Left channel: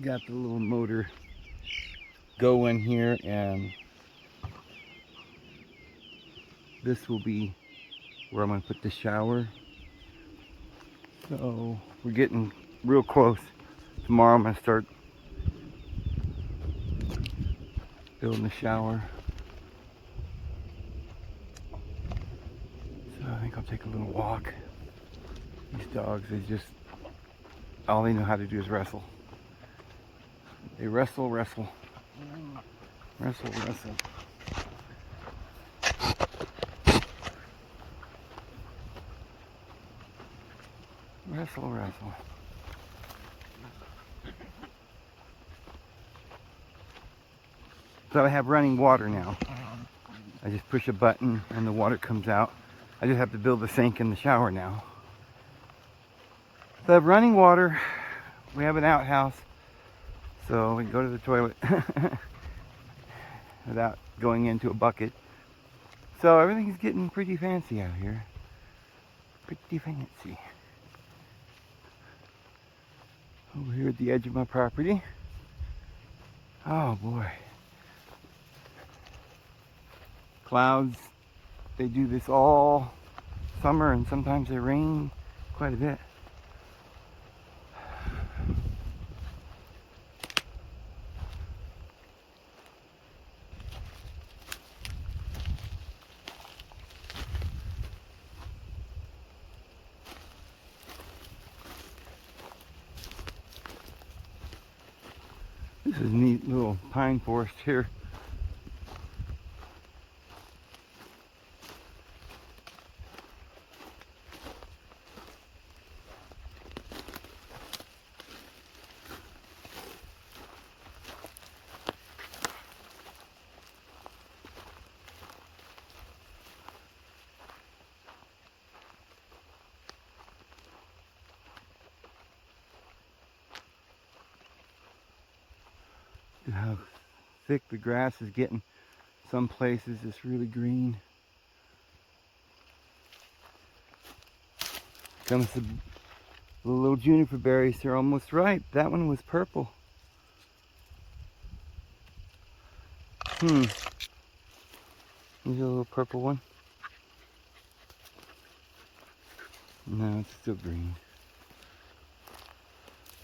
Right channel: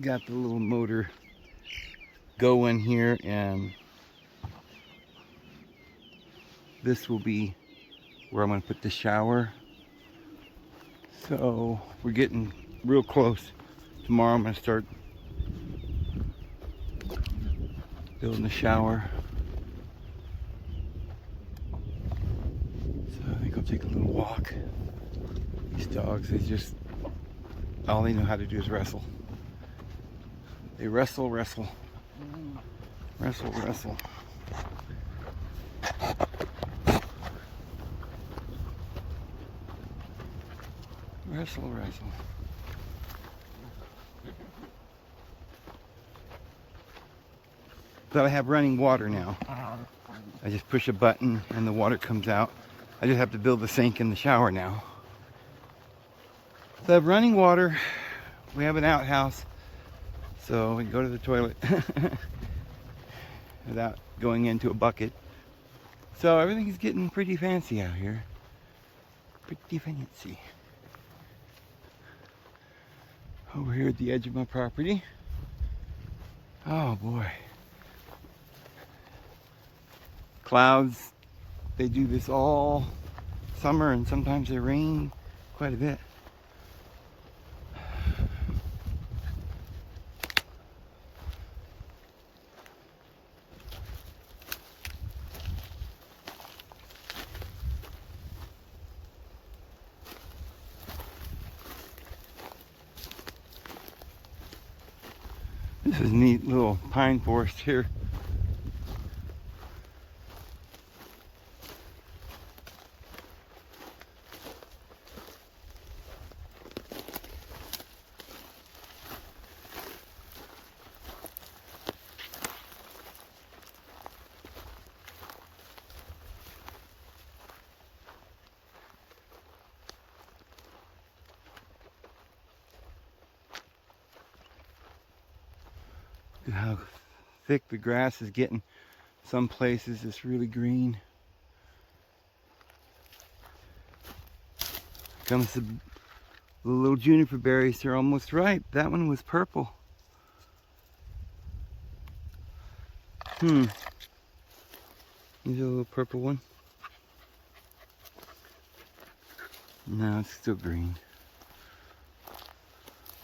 Got the little motor going here, and this will be where I'm going to put the shower. So we're getting real close. Tomorrow I'm going to start building the shower. So I think I'll take a little walk. These dogs, all they know how to do is wrestle. They wrestle. Wrestle. So I have running water now. I just push a button and the water comes out. I just have to build the sink in the shower now. So I have running water. We have an outhouse, so we can go to the toilet without going into a bucket. So everything's getting pretty fancy out here. Pretty fancy. Over here at the edge of my property. Oh boy. Clouds, they do this all summer, and sometimes they rain quite a bit. This is a neat little pine forest here. Look at how thick the grass is getting. Some places it's really green. Comes the little juniper berries. They're almost ripe. That one was purple. Here's a little purple one. No, it's still green.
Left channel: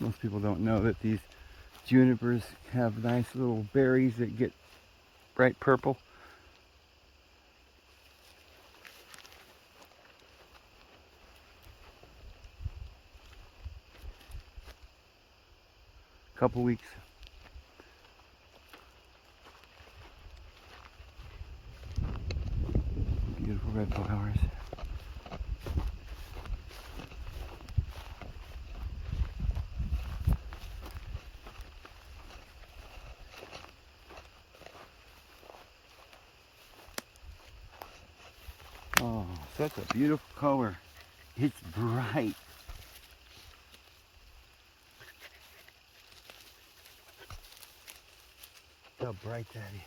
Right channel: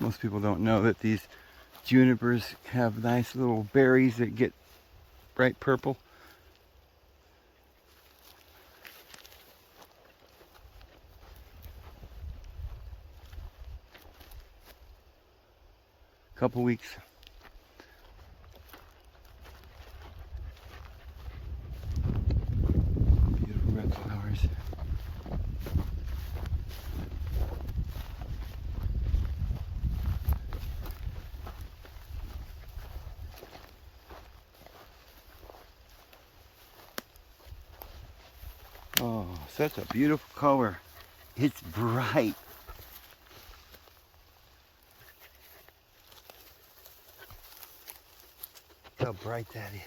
Most people don't know that these junipers have nice little berries that get bright purple. Couple weeks. Beautiful red flowers. Oh, such a beautiful color. It's bright. How bright that is.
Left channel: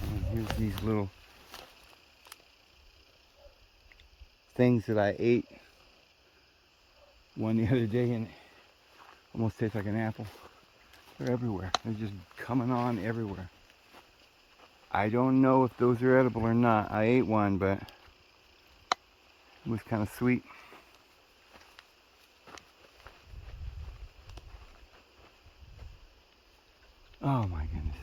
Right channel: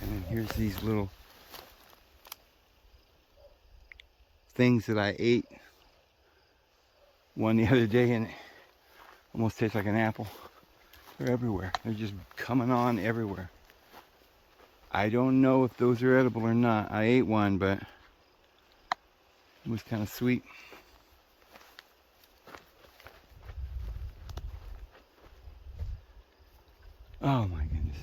And here's these little things that I ate one the other day, and it almost tastes like an apple. They're everywhere. They're just coming on everywhere. I don't know if those are edible or not. I ate one, but it was kind of sweet. Oh my goodness.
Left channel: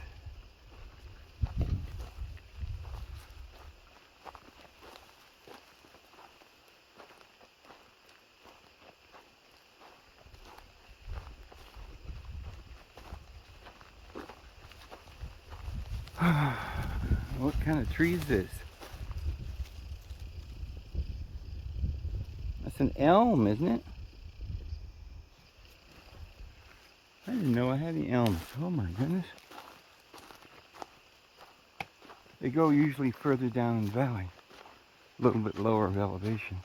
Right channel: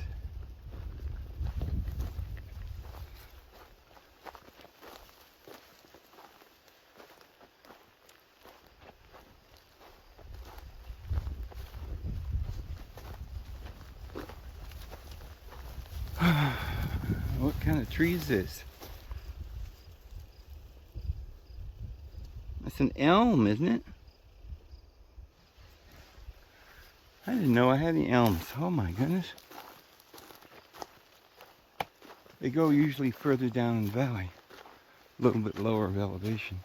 What kind of tree is this? That's an elm, isn't it? I didn't know I had any elms. Oh my goodness. They go usually further down in the valley, a little bit lower of elevation.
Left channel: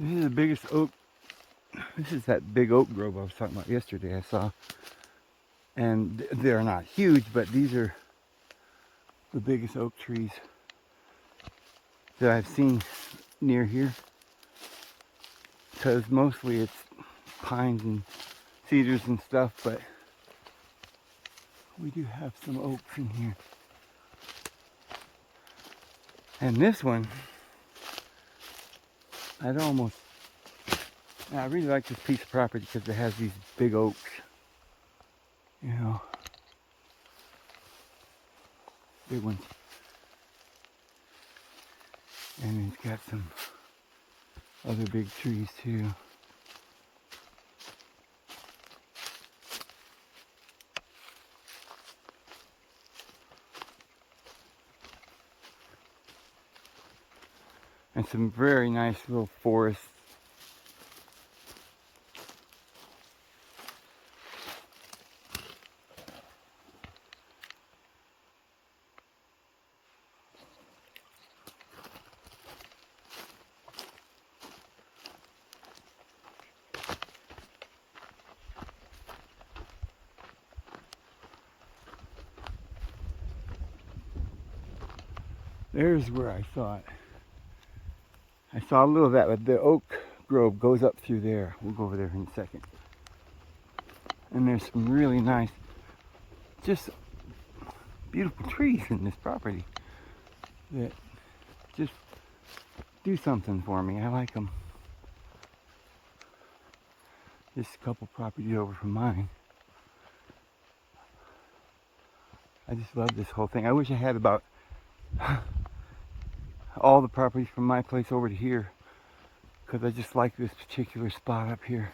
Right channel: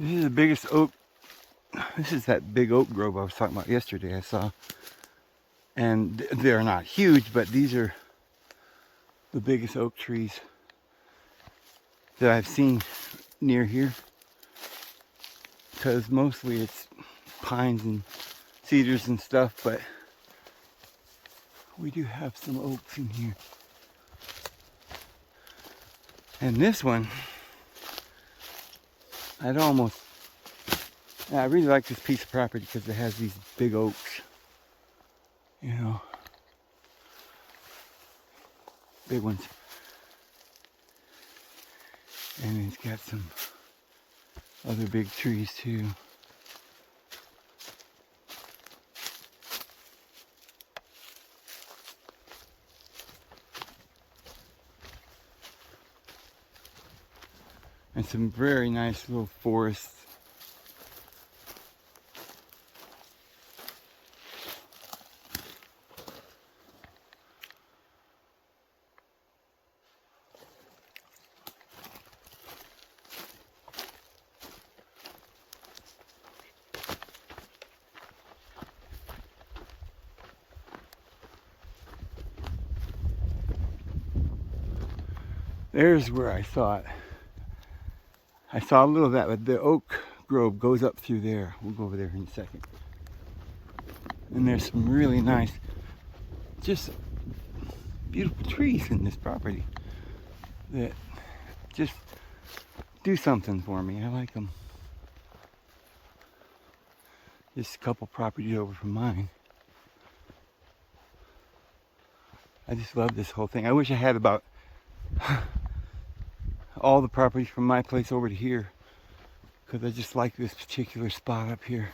This is the biggest oak. This is that big oak grove I was talking about yesterday. I saw, and they're not huge, but these are the biggest oak trees that I've seen near here. Because mostly it's pines and cedars and stuff, but we do have some oaks in here. And this one, I really like this piece of property because it has these big oaks, you know, big ones. And it's got some other big trees too. And some very nice little forests. There's where I saw it. I saw a little of that, but the oak grove goes up through there. We'll go over there in a second. And there's some really nice, just beautiful trees in this property that just do something for me. I like them. Just a couple properties over from mine. I just love this whole thing. I wish I had about all the properties from my place over to here, because I just like this particular spot up here.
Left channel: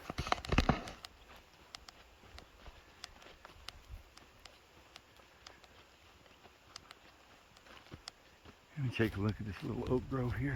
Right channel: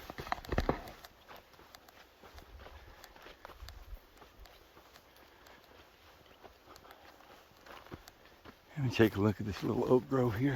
Let me take a look at this little oak grove here.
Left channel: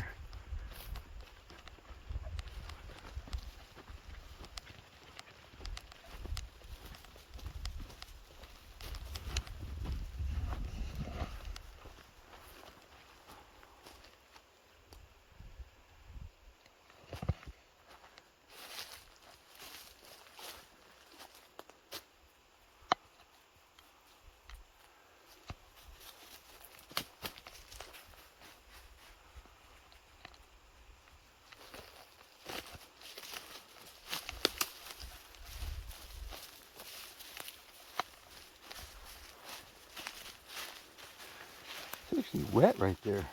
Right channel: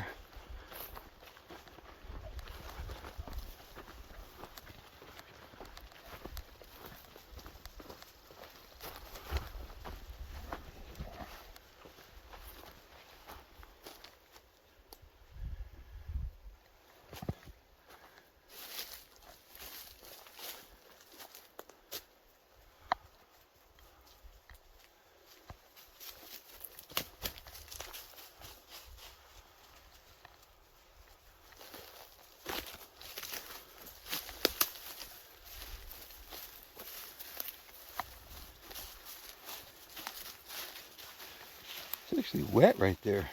It's actually wet right there.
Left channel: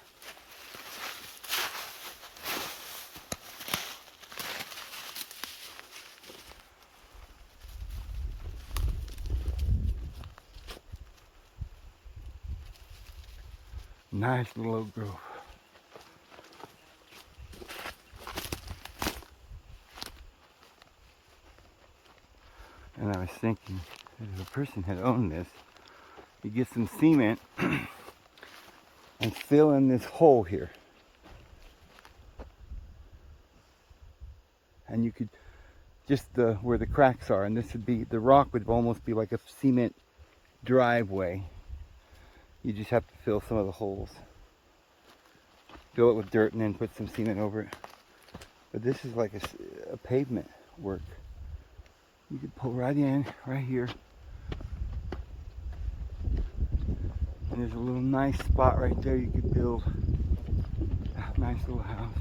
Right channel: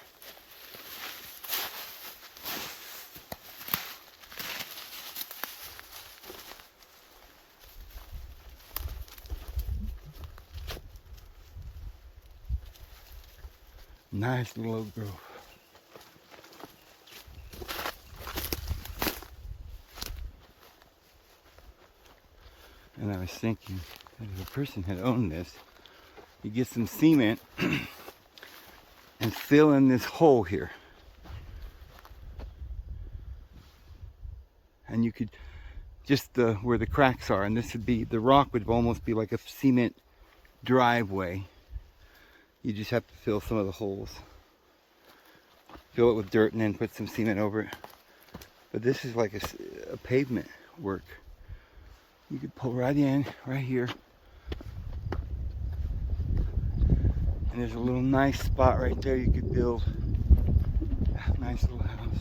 Nice little oak grove. And I was thinking that if a person had owned this, you get some cement and fill in this hole here. And you could just where the cracks are, and this would be, the rock would almost be like a cement driveway. You just have to fill some of the holes. Fill it with dirt and then put some cement over it. But this is like a pavement work. You could pull right in, right here. And there's a little nice spot right there you could build a nice little house.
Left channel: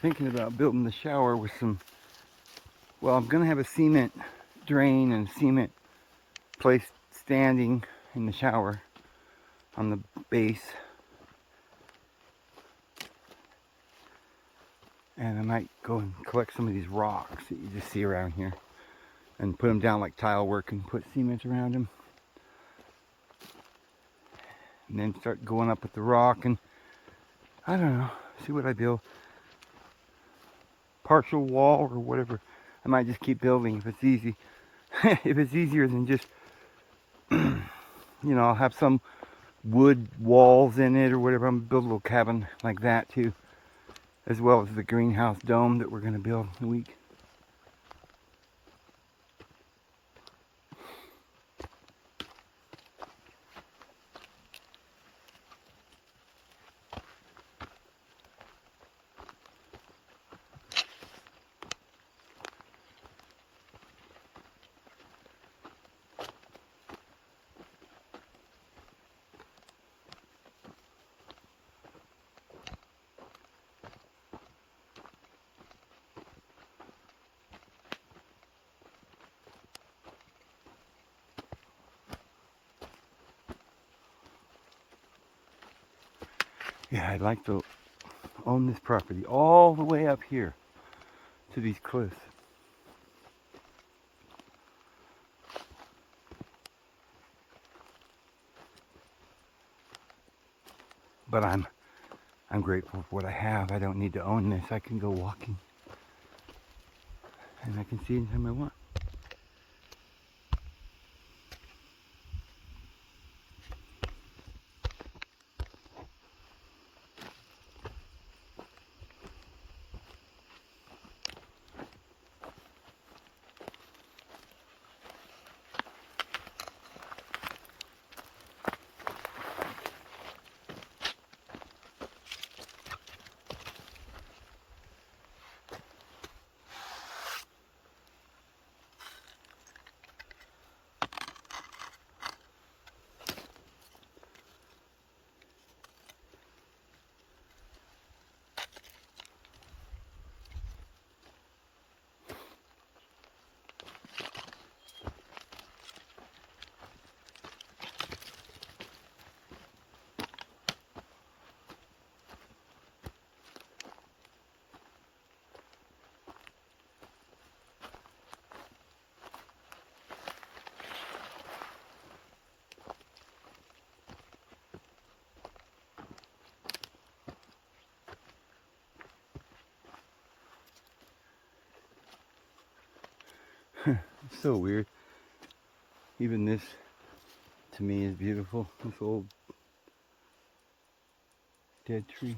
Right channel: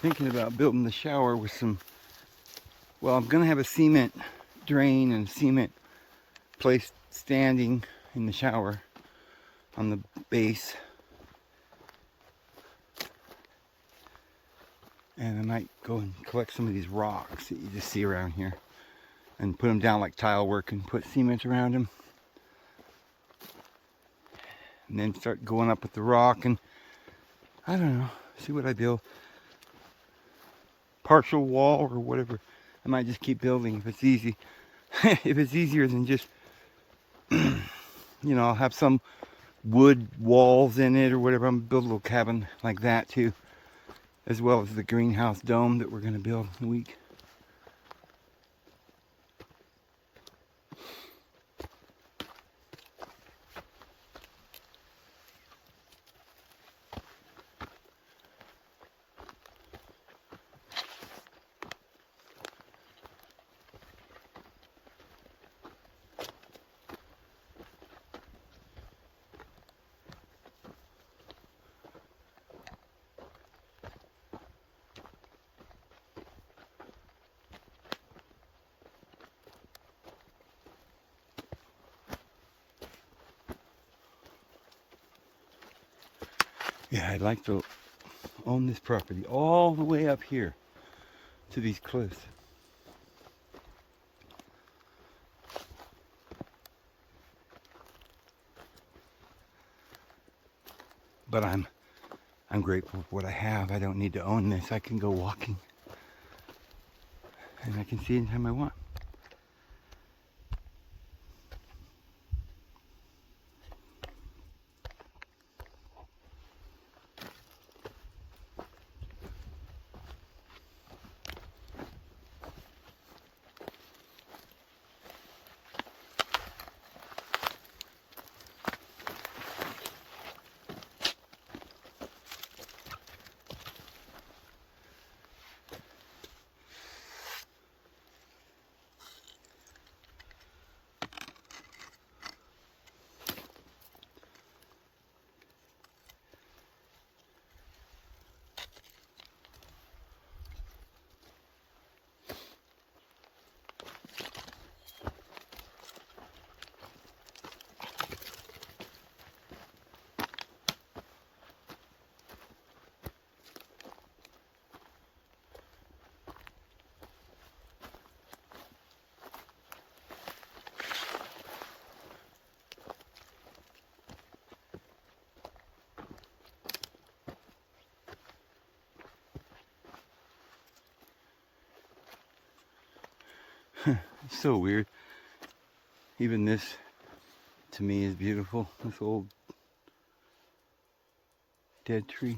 thinking about building the shower with some, well, I'm going to have a cement drain and cement place standing in the shower on the base. And I might go and collect some of these rocks that you just see around here and put them down like tile work and put cement around them. And then start going up with the rock and, I don't know, see what I build. Partial wall or whatever. I might just keep building if it's easy. If it's easier than just, you know, I'll have some wood walls in it or whatever. I'm gonna build a little cabin like that too, as well as the greenhouse dome that we're gonna build in a week. Yeah, I'd like to own this property all the way up here to these cliffs. But I'm grateful for what I have. I don't need to own this. I can go walking and I can see anytime I want. It's so weird. Even this, to me, is beautiful. This old dead tree.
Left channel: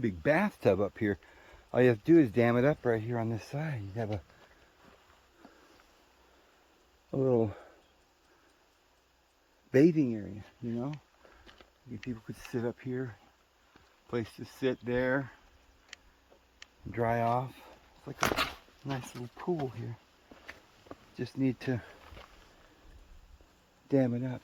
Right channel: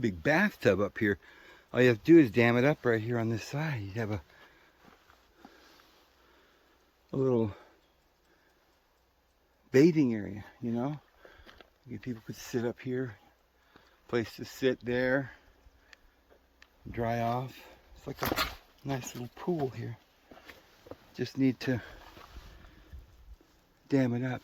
Big bathtub up here. All you have to do is dam it up right here on this side. You have a little bathing area, you know. People could sit up here, place to sit there, dry off. It's like a nice little pool here. Just need to dam it up.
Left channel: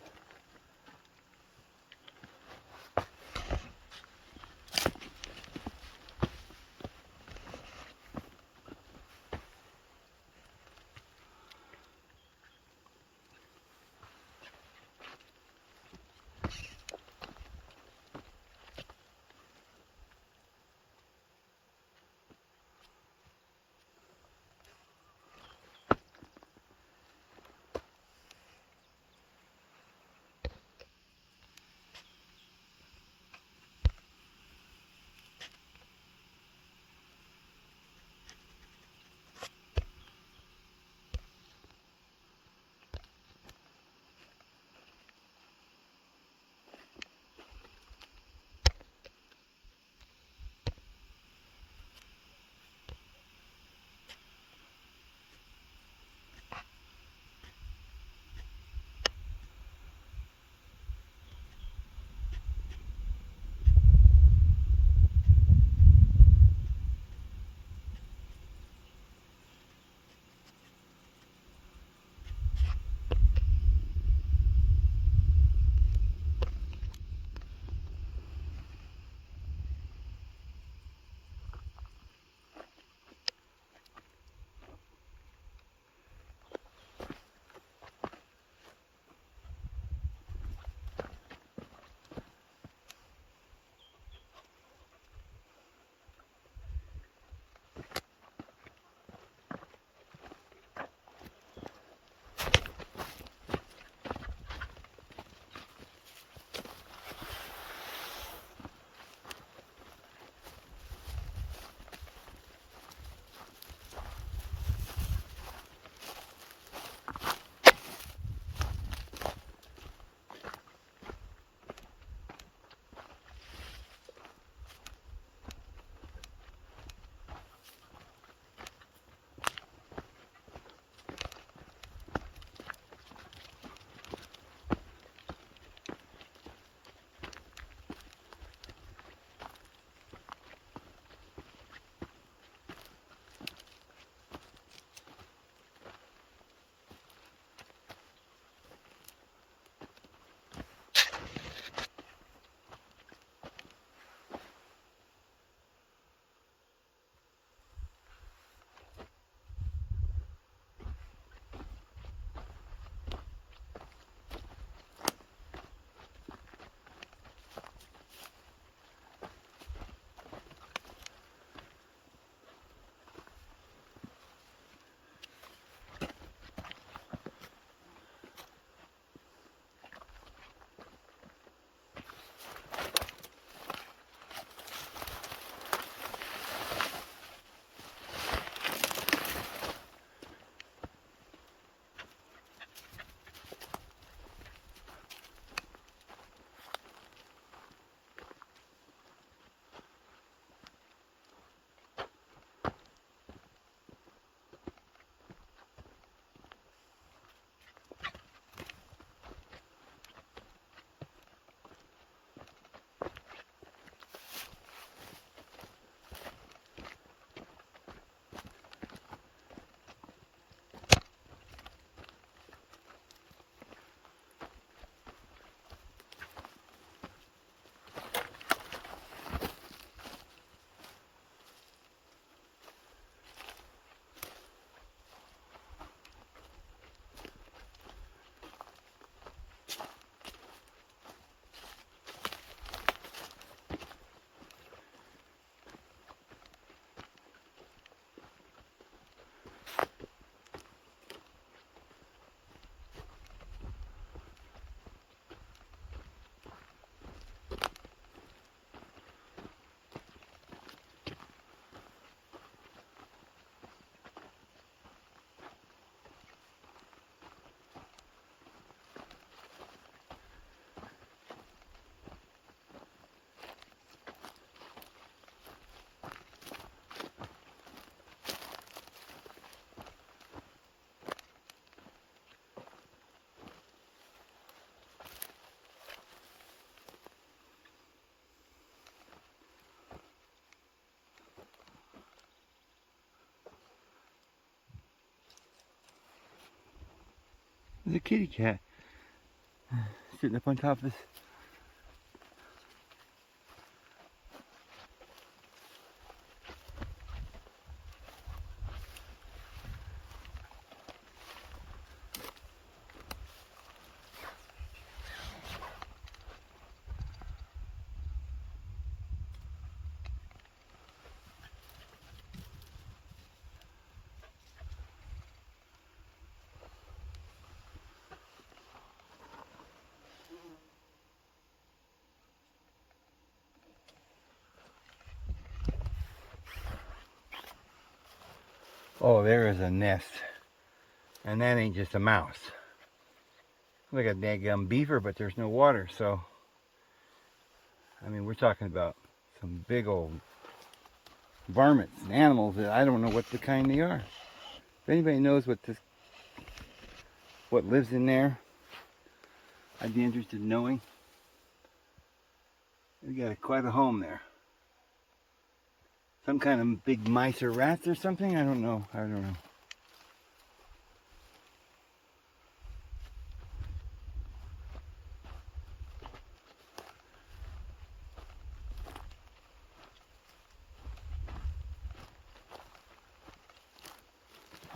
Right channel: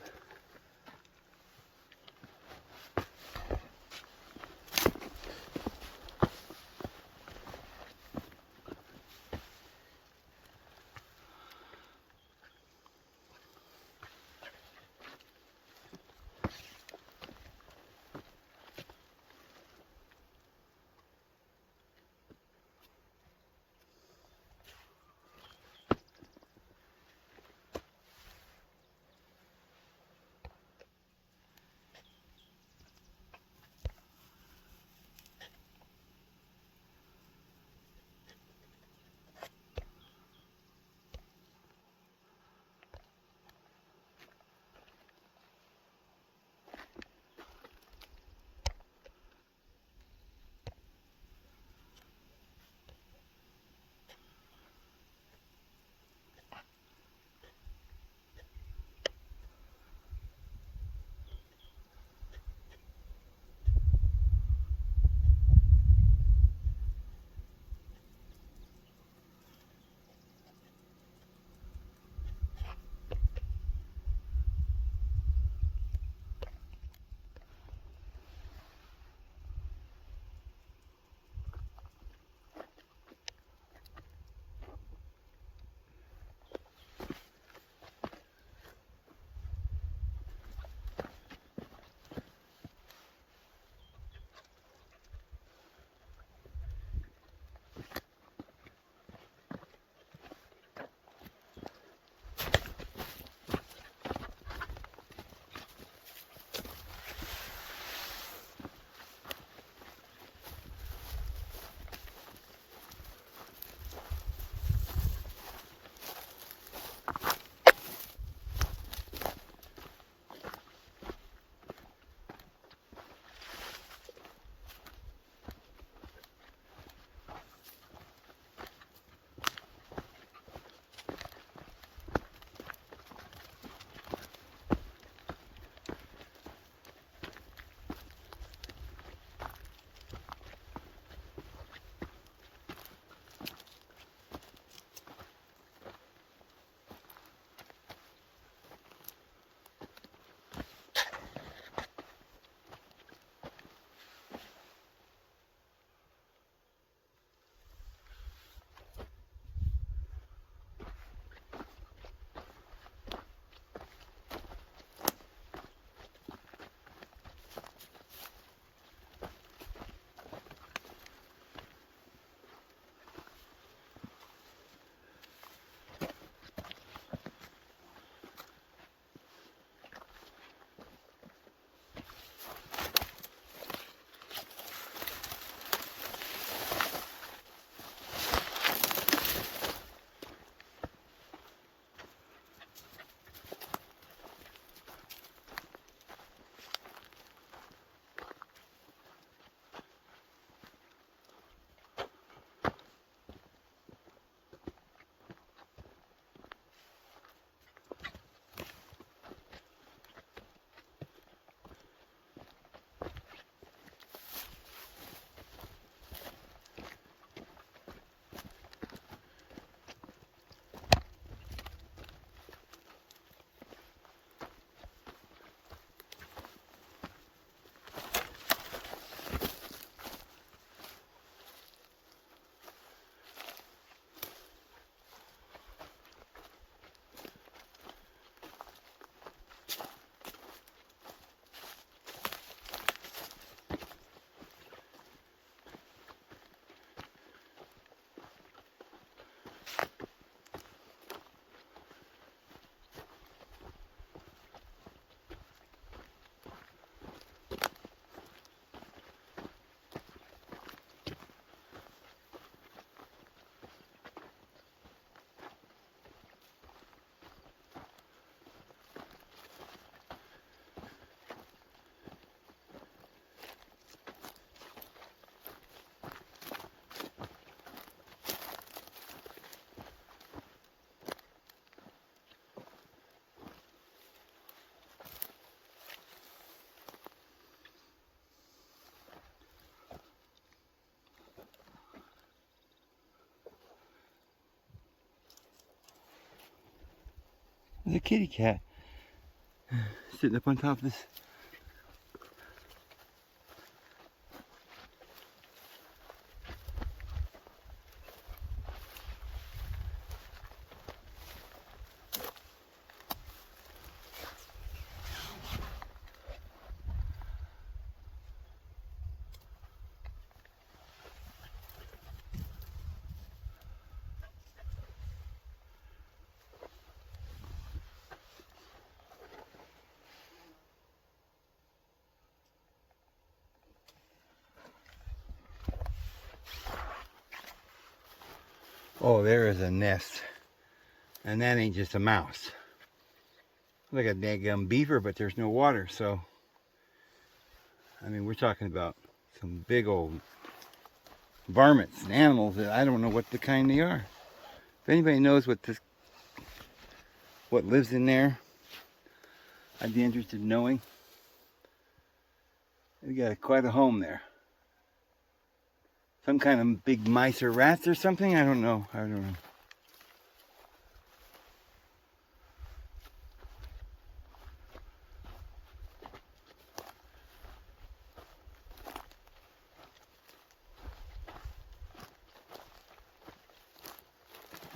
There's a kitty cat sitting up on top of this. Oh, there is a nest. And that ain't just a mouse. Like a daggum beaver, but there's no water, so I mean, we're talking about some big old varmints and animals that I don't know what the kind they are. If anybody knows what lives in there, I'd be interested in knowing. We got quite a home there. Some kind of big mice or rats or something? I don't know.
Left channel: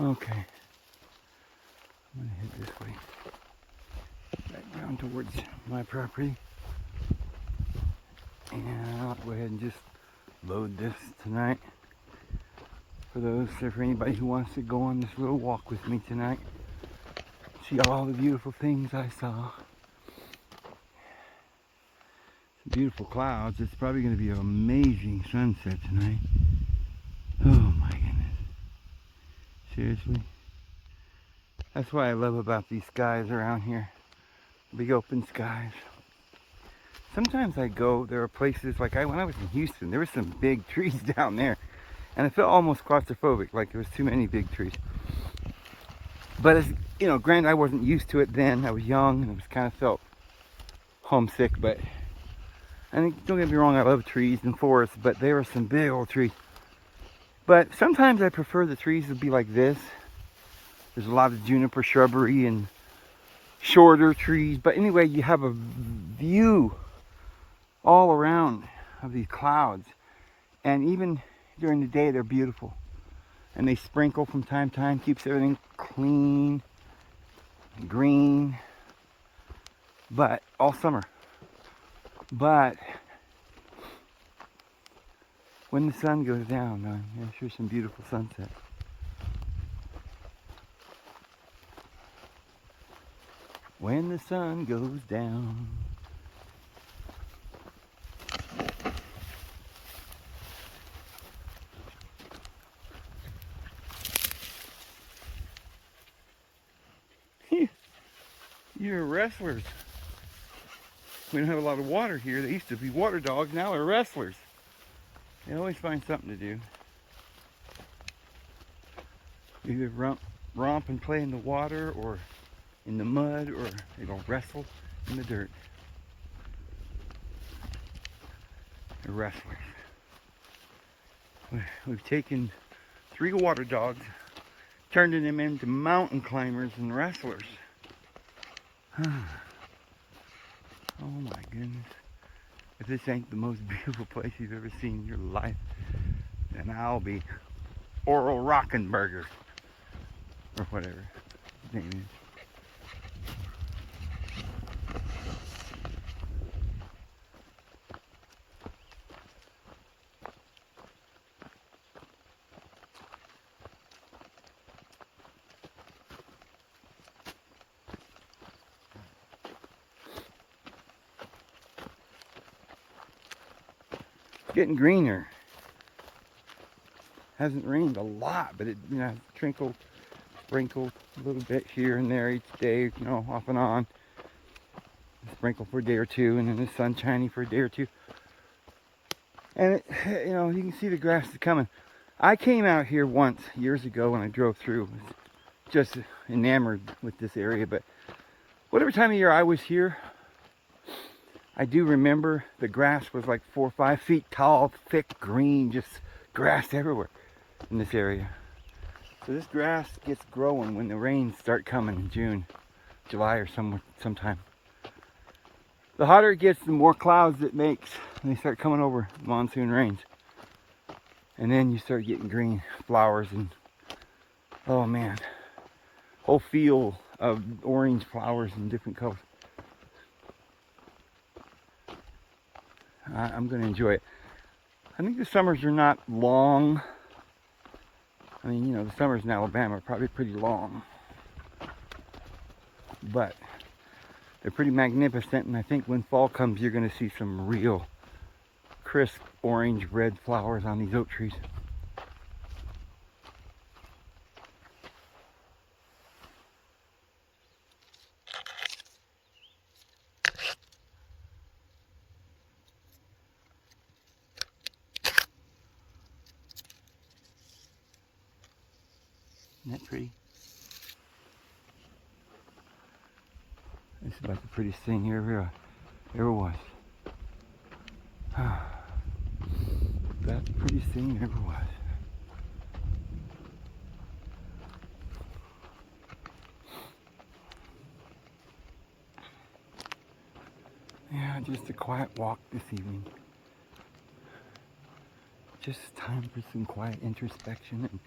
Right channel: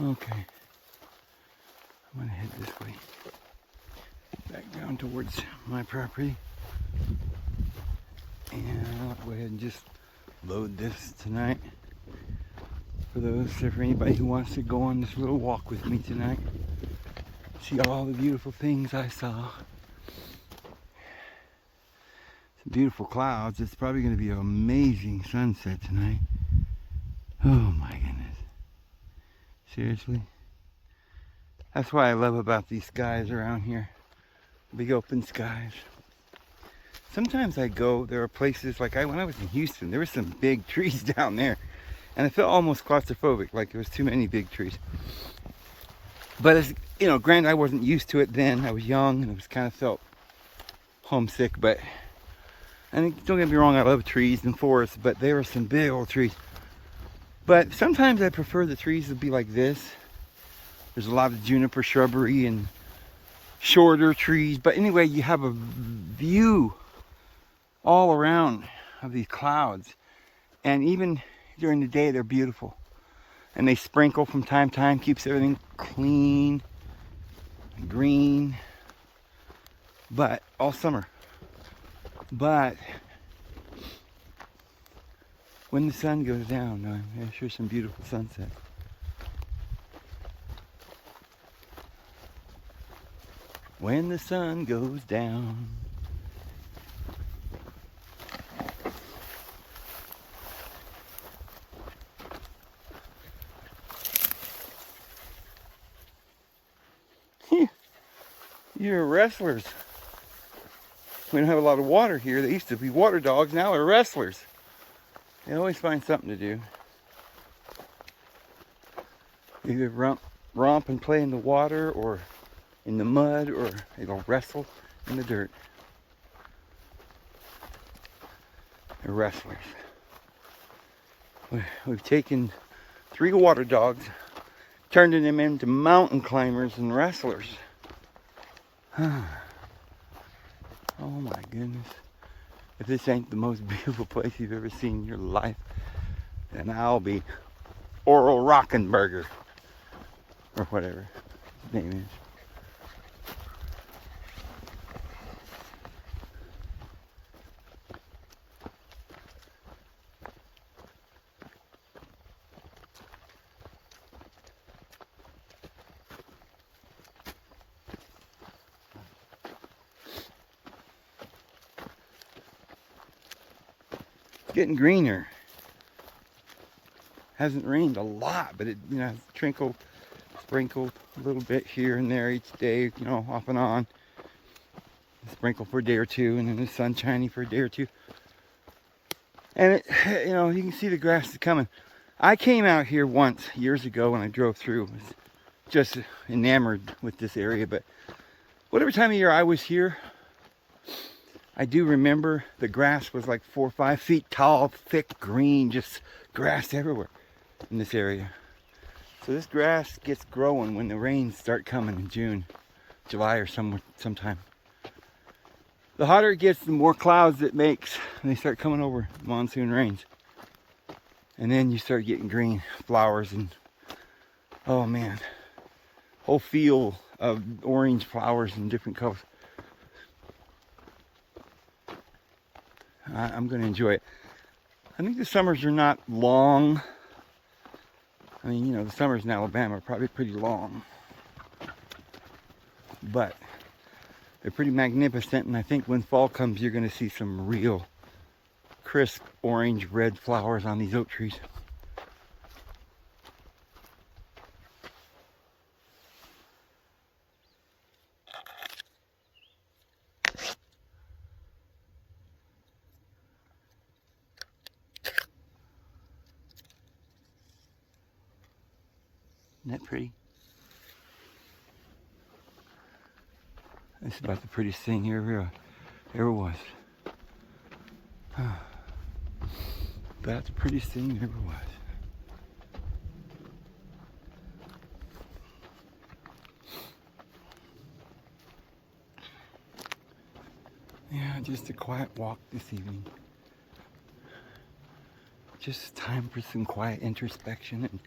Okay. I'm gonna head this way. Back down towards my property. And I'll go ahead and just load this tonight. For anybody who wants to go on this little walk with me tonight. See all the beautiful things I saw. Some beautiful clouds. It's probably going to be an amazing sunset tonight. Oh my goodness. Seriously. That's what I love about these skies around here. Big open skies. Sometimes there are places, like when I was in Houston, there were some big trees down there. And I felt almost claustrophobic, like there was too many big trees. But as you know, granted, I wasn't used to it then. I was young and it was kind of felt homesick. But don't get me wrong, I love trees and forests, but there were some big old trees. But sometimes I prefer the trees to be like this. There's a lot of juniper shrubbery and shorter trees. But anyway, you have a view all around of these clouds. And even during the day, they're beautiful. And they sprinkle from time to time, keeps everything clean and green. But all summer. But when the sun goes down, there's sure some beautiful sunset. When the sun goes down. You're wrestlers. We don't have a lot of water here. They used to be water dogs, now they're wrestlers. They always find something to do. Either romp and play in the water, or in the mud, or they'll wrestle in the dirt. They're wrestlers. We've taken 3 water dogs, turning them into mountain climbers and wrestlers. Oh my goodness. If this ain't the most beautiful place you've ever seen in your life, then I'll be Oral Rockenberger. Or whatever his name is. Getting greener. Hasn't rained a lot, but it trickled, sprinkled a little bit here and there each day, off and on. Sprinkle for a day or two, and then the sun shining for a day or two. And it, you can see the grass is coming. I came out here once years ago when I drove through. I was just enamored with this area, but whatever time of year I was here, I do remember the grass was like 4 or 5 feet tall, thick, green, just grass everywhere in this area. So this grass gets growing when the rains start coming in June. July or sometime. The hotter it gets, the more clouds it makes, and they start coming over monsoon rains. And then you start getting green flowers, and oh man, whole field of orange flowers in different colors. I'm going to enjoy it. I think the summers are not long. I mean, you know, the summers in Alabama are probably pretty long. But they're pretty magnificent, and I think when fall comes, you're going to see some real crisp orange red flowers on these oak trees. Isn't that pretty? This is about the prettiest thing here ever was. That's the prettiest thing ever was. Yeah, just a quiet walk this evening. Just time for some quiet introspection and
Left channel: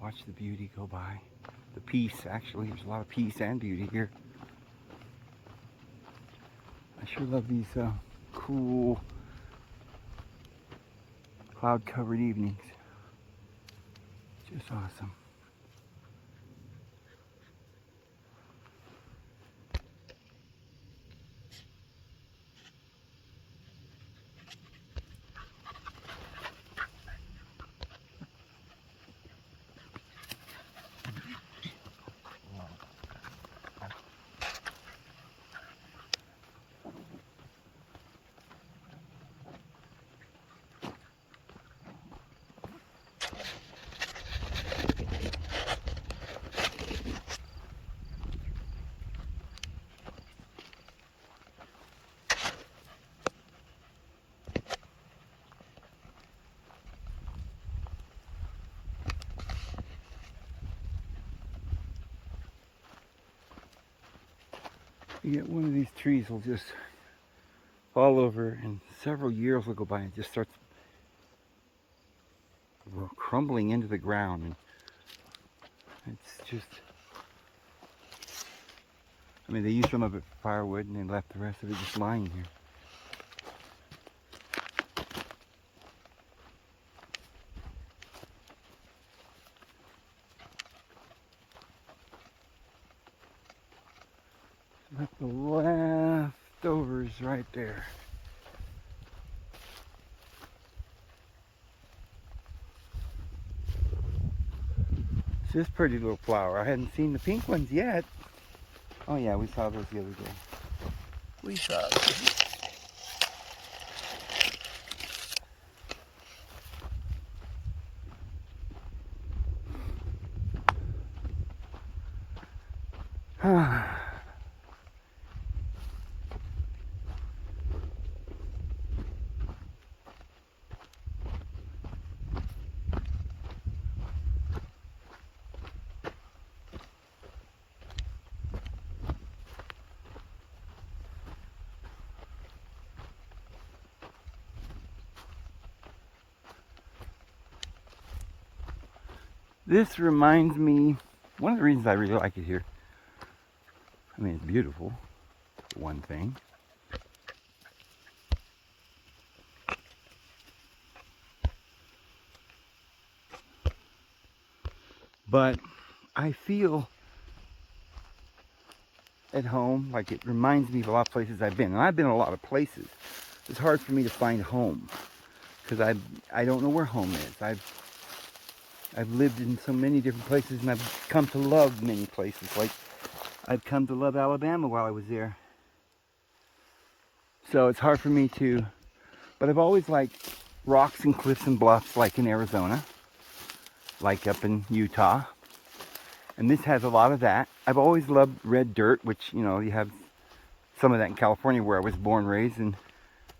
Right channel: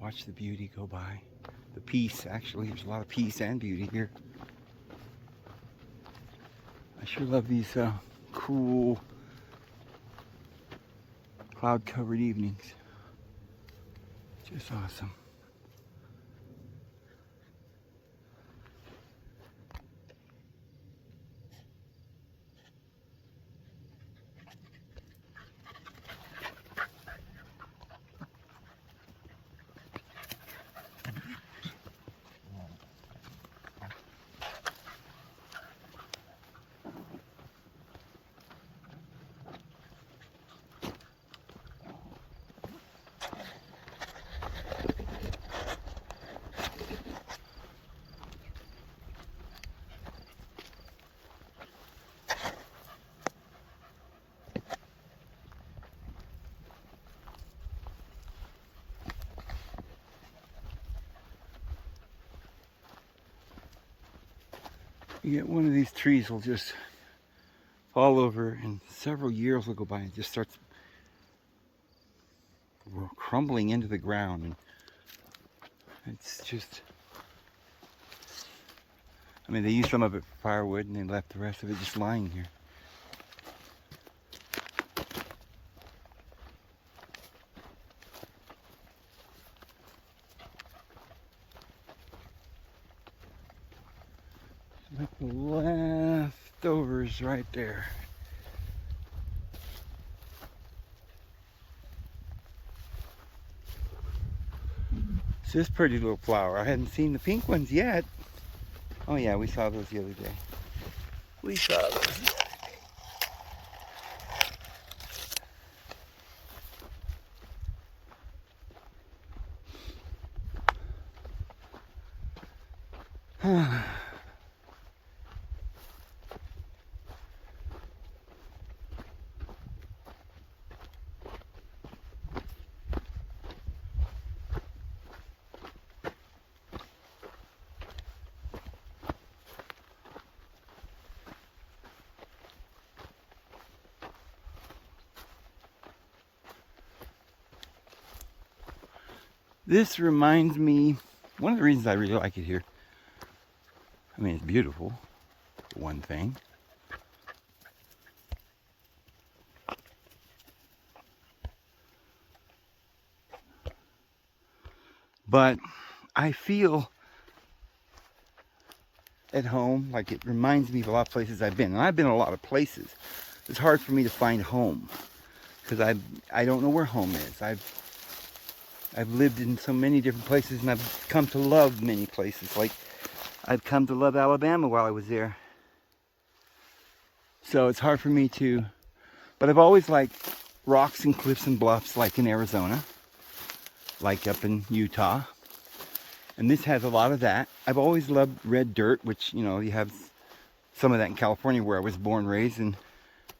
watch the beauty go by. The peace, actually, there's a lot of peace and beauty here. I sure love these cool cloud-covered evenings. Just awesome. You get one of these trees will just fall over, and several years will go by and it just starts crumbling into the ground. And it's just, I mean, they used some of it for firewood and they left the rest of it just lying here. Left the leftovers right there. It's this pretty little flower. I hadn't seen the pink ones yet. Oh yeah, we saw those the other day. We saw those. This reminds me, one of the reasons I really like it here, I mean, it's beautiful, one thing. But I feel at home, like it reminds me of a lot of places I've been. And I've been a lot of places. It's hard for me to find home because I don't know where home is. I've lived in so many different places, and I've come to love many places. Like I've come to love Alabama while I was there. So it's hard for me to, but I've always liked rocks and cliffs and bluffs, like in Arizona, like up in Utah. And this has a lot of that. I've always loved red dirt, which, you know, you have some of that in California where I was born, raised. And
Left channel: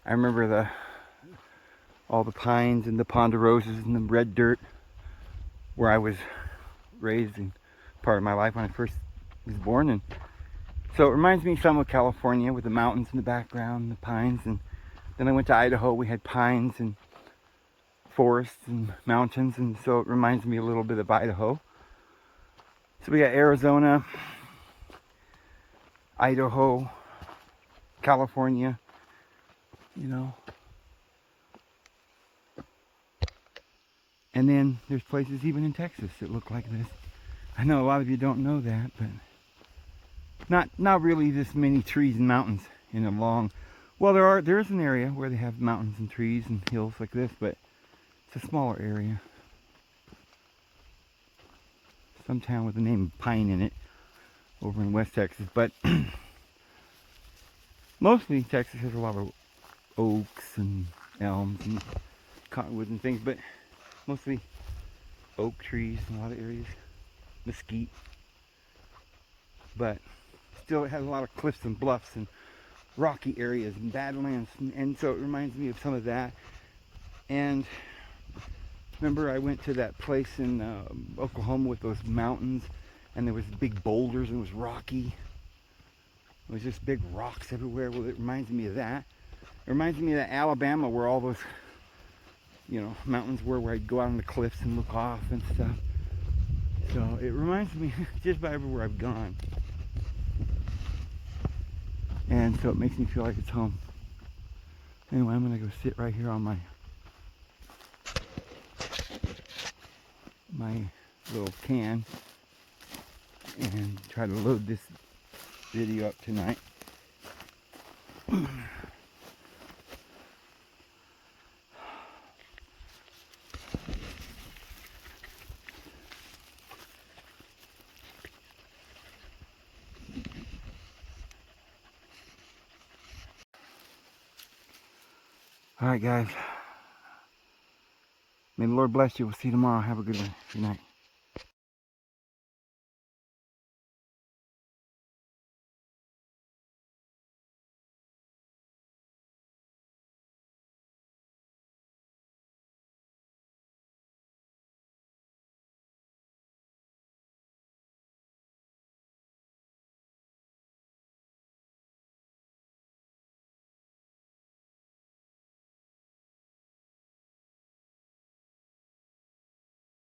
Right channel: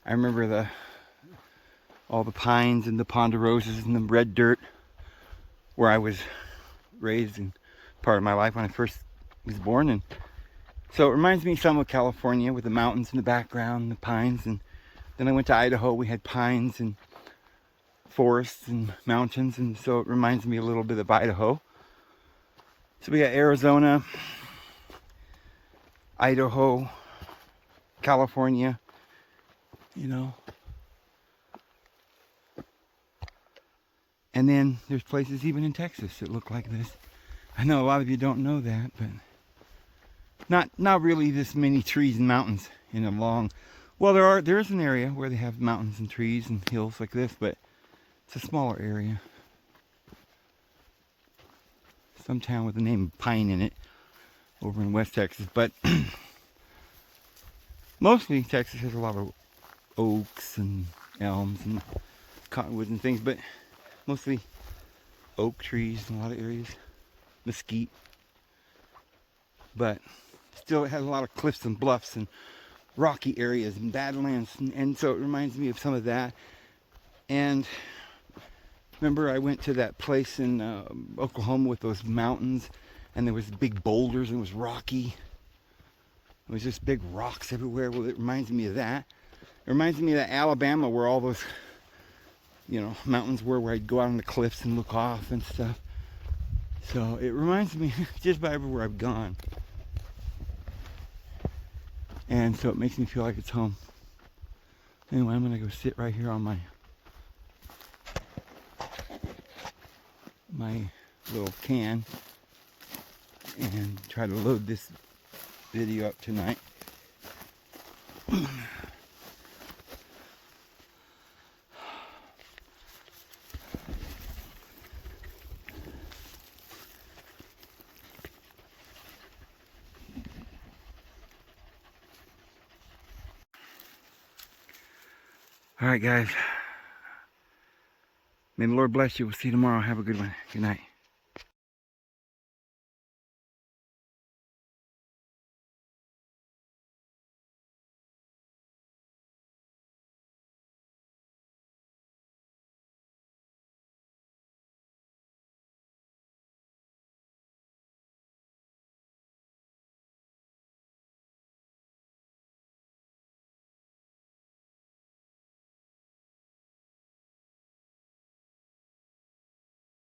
I remember all the pines and the ponderosas and the red dirt where I was raised in part of my life when I first was born in. So it reminds me some of California with the mountains in the background, the pines. And then I went to Idaho. We had pines and forests and mountains. And so it reminds me a little bit of Idaho. So we got Arizona, Idaho, California, you know. And then there's places even in Texas that look like this. I know a lot of you don't know that, but not really this many trees and mountains in a long. Well, there is an area where they have mountains and trees and hills like this, but it's a smaller area. Some town with the name Pine in it over in West Texas, but mostly Texas has a lot of oaks and elms and cottonwoods and things, but mostly oak trees in a lot of areas, mesquite, but still it has a lot of cliffs and bluffs and rocky areas and badlands, and so it reminds me of some of that. And remember I went to that place in Oklahoma with those mountains, and there was big boulders and it was rocky. There was just big rocks everywhere. Well, it reminds me of that. It reminds me of that Alabama where all those, you know, mountains were, where I'd go out on the cliffs and look off and stuff. So it reminds me just about everywhere I've gone. And so it makes me feel like it's home. Anyway, I'm gonna go sit right here on my little can and try to load this video up tonight. All right, guys. May the Lord bless you. We'll see you tomorrow. Have a good one. Good night.